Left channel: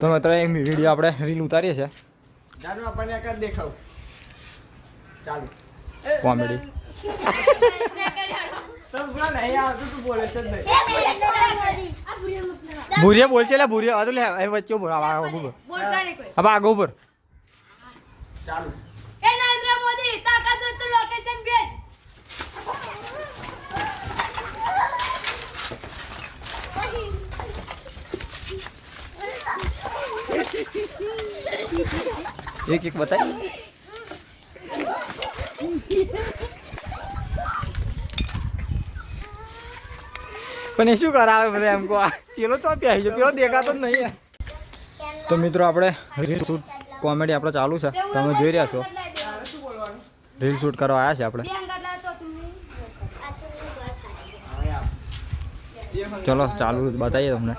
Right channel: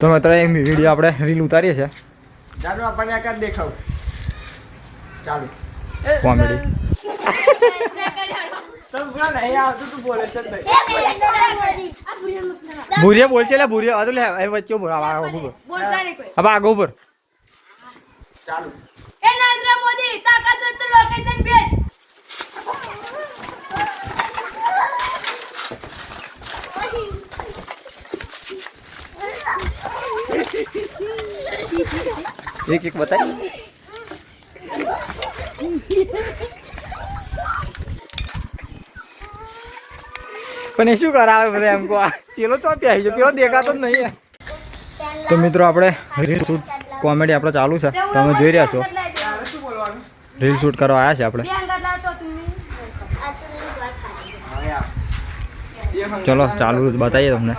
તો અત્યારે એક વિડીયો આપણે રીલ ઉતારીએ છીએ. ચાલો આપણને આ કાઢ દેખાવ. ચાલો કોમેડી. તો બોલ નહીં આવતું તું બોલે છે ભાઈ. ભૂરિયા બોલ છે એટલે ભૂરિયા આ તો લે એ વચ્ચે ઉભો આ ઉભો બોલતા રે કોઈ. હવે આગળ ઉપર. ચાલો એ નરેન્દ્ર મોદી તાકાત હોય તો લોકેશન ભેજ. એક એક બતાવી. પણ એ શું કરાવે બધા એમ કો પેલો ચોપી આવી છે પેલો દેખાતો જ નહીં. તો મિત્રો આપણે રીલ શૂટ કોમેડી આપણે ચાલુ છે તમે જોઈ રહ્યા છો. ચાલો શું બોલવાનું રીલ શૂટ કરવા આવ્યા છે આપણે. બે અંગત લાવતો તમે. હવે આવ ચલો ચાલુ બતાવીએ તમને.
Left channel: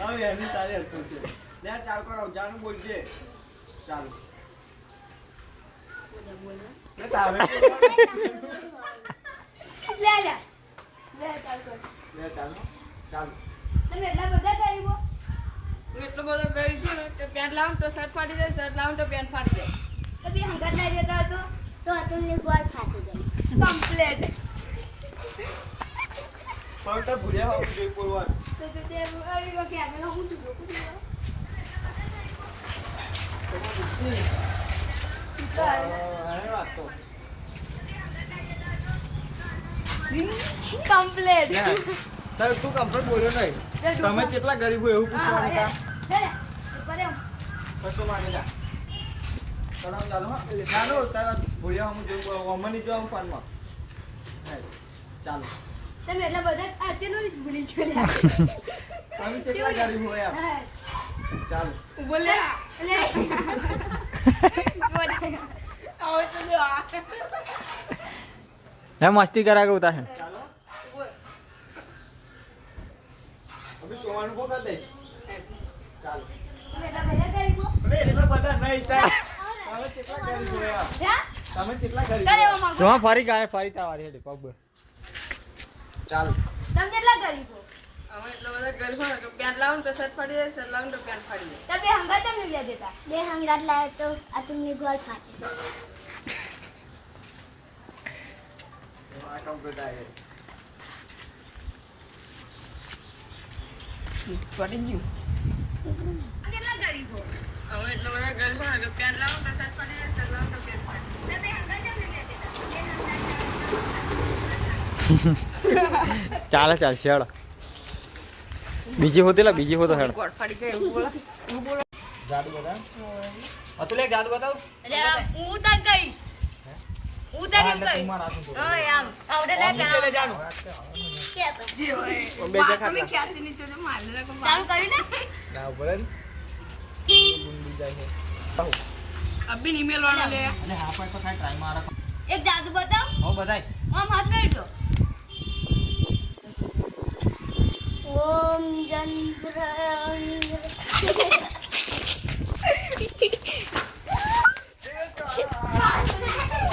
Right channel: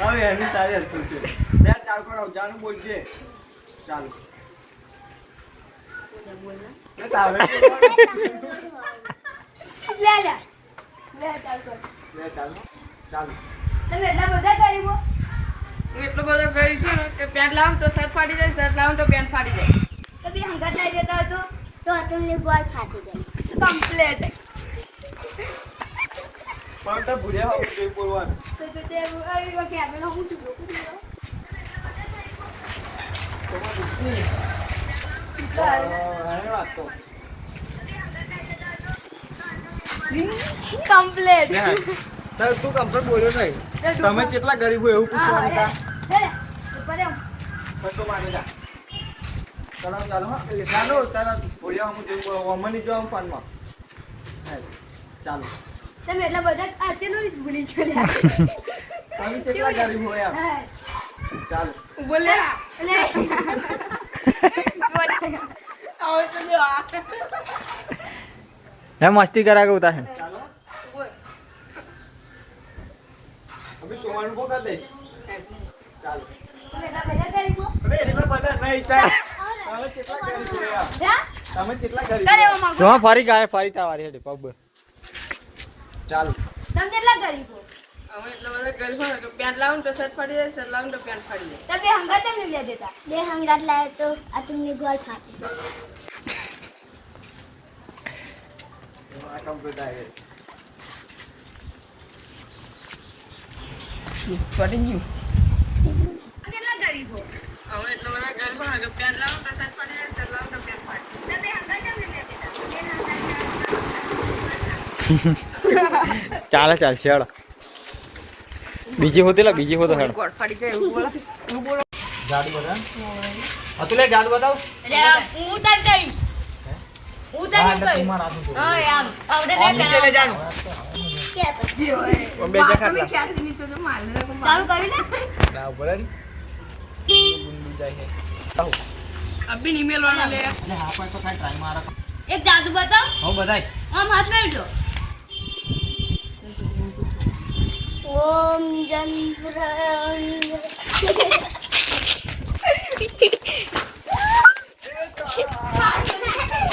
હવે એની સારી હતું છે બે ચાલ કરો જાનું બોલશે ચાલો લે તારે લે લે લે ચાલ કર. લે ચાલો ચાલો તમે એટલા બધા ગરીબો. એટલો બધો ગઈ છે ને કે પેન્ટ લાવું તો શર્ટ ફાડી જાય, શર્ટ લાવું તો પેન્ટ ફાડી જાય. તો બે અંગત લઈ દેતા હતો તો તમને ગોળ ફાટી જાય. કમ્પ્લીટ. પણ તો ભૂલ્યા હોવું જોઈએ બોલવાનું તો તે આવી વખતે આપણે હું છું કમ્પ્લીટ. સર તું કમ્પ્લેટ બોલ્યો નહીં તમે કેટલા ગરીબ હોય એવું પૂછવાનું હતા હે ઉપર આવ. કશો માટે જા ચાલો ચાલો હા ચાલો તારા ભૂલ્યા હું જોઉં અમની જો આમ ફોનમાં ચાલો તમે એટલા બધા આચેનો જ ભૂલી ગયેલા. તમે કેટલા ગરીબ હોય આમ હા. ચાલો બોલે અને આવો તો જો આ. હે મસ્તી કરા કે ઉતાર. ચાલો અભી સોવાનું કો કર દે ચાલો તમે એટલા બધા ગરીબો. અરે એટલા બધા નહીં તાર તમે કેટલા ગરીબ હોય આમ હે તમે કેટલા ગરીબ કરે હોય? માગો. જો ફરી ગાય ફરી તાવારી હેડે પબ. ચાલો તમે કેટલા ગરીબો. અમે એટલો બધો ગઈ હોય ને કે પેન્ટ લાવું તો શર્ટ ફાડી જાય, શર્ટ લાવું તો પેન્ટ ફાડી જાય. તમે હંગાત એમને લે દેતા. બે હંગાત લાવે તો આ તમને ગોળ ફાટી જાય. આ કમ્પ્લીટ આવી ફાડી ગયું. કેટલા ગરીબો. અમે એટલો બધો ગઈ હોય ને કે પેન્ટ લાવું તો શર્ટ ફાડી જાય, શર્ટ લાવું તો પેન્ટ ફાડી જાય. તમે હંગાત એમને લે દેતા. બે હંગાત ચાલે ચાલશે હેડો. બીજી હોતી લા બીજી હોતો હેડો. ગોળ ફાડી જાય એવું બોલો, એવું બોલો. જાદુ બધા અતુલે જાદુ બતાવ. અરે હું તને કહી. હું તને કહી. ઓય આમ આવડે લે પેલા. જાનું જે હોય બે જણા તમે ક્યાંથી નીચે જો માલ લે કો ચાલુ કર્યું ને. ના ઉપર રી બુંદી જાય છે અબી ઈમેલ વાળો લે. અને હા પણ તો કાઈ ટ્રાય મારા. એક જાદુ બતાવ. હો બધાય. આમ હાથ મેળજો. ઓમ ચંદ્ર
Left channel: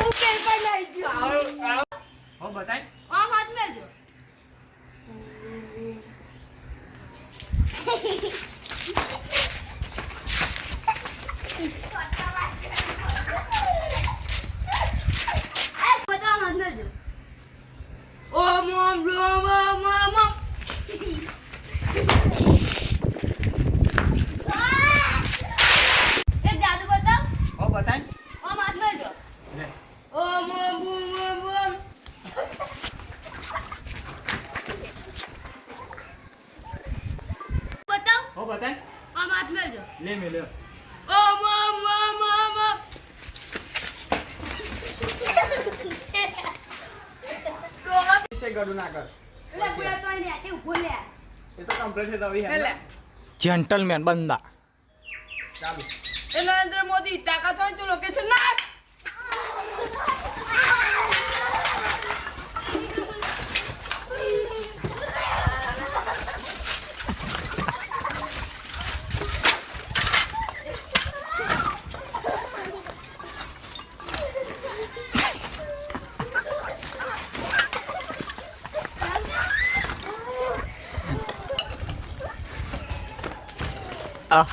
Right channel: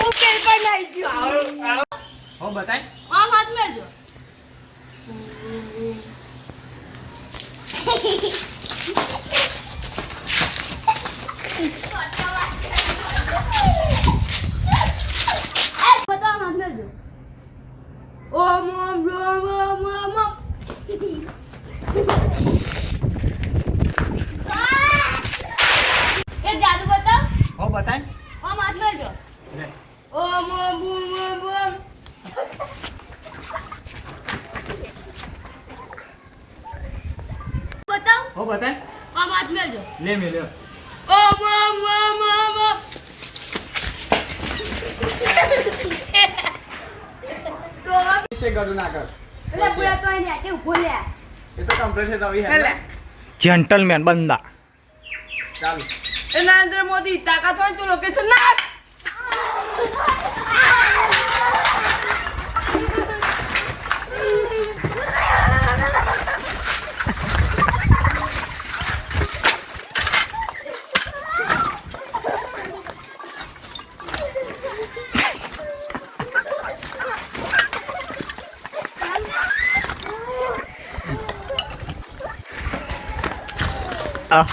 ઉપર પર લઈ ગયો. હો બતાય. આમ હાથ મેળજો. બતાવ હાથ મેળજો. ઓમ ઓમ ઓમ ઓમ ઓમ ઓમ. એક જાદુ બતાવ. હો બતાય. આમ હાથ મેળજો. લે. ઓમ ઓમ બૂમ ઓમ ઓમ. બતાવ. હો બતાય. આમ હાથ મેળજો. લે મે લે. ઓમ ઓમ ઓમ ઓમ ઓમ. વિશે ગડું ના કર એટલે પૂરા તો અહીં નેચે ઊભો લે. એ તો કમ્પ્લીટ છે તવી હે હેલે જેન્ટલમેન બંદા. ચાલો એ નરેન્દ્ર મોદી તાકાત હોય તો લોકેશન ના આપ. આ